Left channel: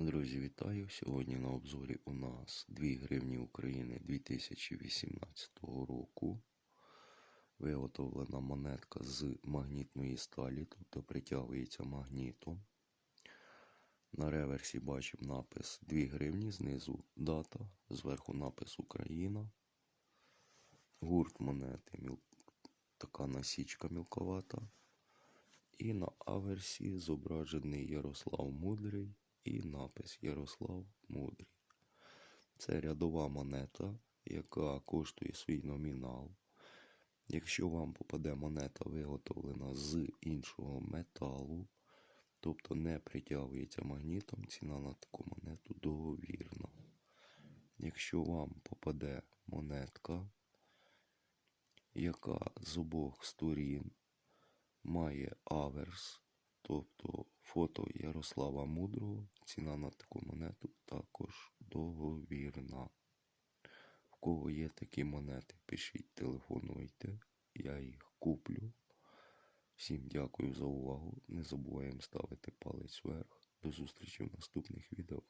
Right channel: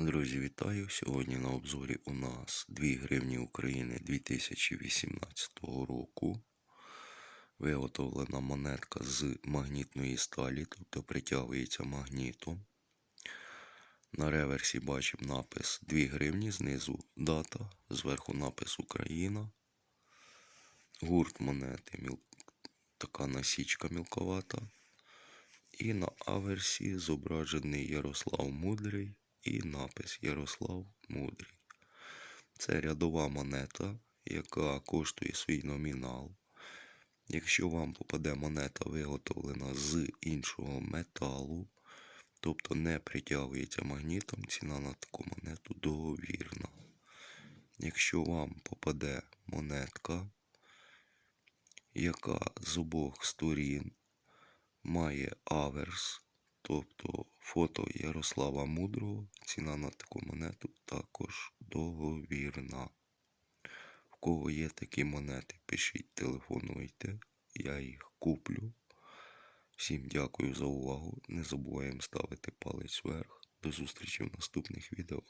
Друзі, вітаю! Сьогодні на обзорі у нас 2 гривні України 2018 року. Виготовлена монетка з магнітної сталі, тобто притягується магнітом. На реверсі бачимо напис 2 гривні, знизу дата, зверху напис Україна. Гурт монети така насічка мілковата. І на аверсі зображений Ярослав Мудрий і напис Ярослав Мудрий. Це рядова монета, яка коштує свій номінал. Якщо вам попаде монета виготовлена з іншого металу, тобто не притягується магнітом, ціна на таку монету договірна. Якщо вам попаде монетка, яка з обох сторін має аверс, тобто фото Ярослава Мудрого, ціна на таку монету також договірна. В кого є такі монети, пишіть, телефонуйте, я їх куплю. Всім дякую за увагу. Не забуваємо ставити палець вверх. До зустрічі в наступних відео.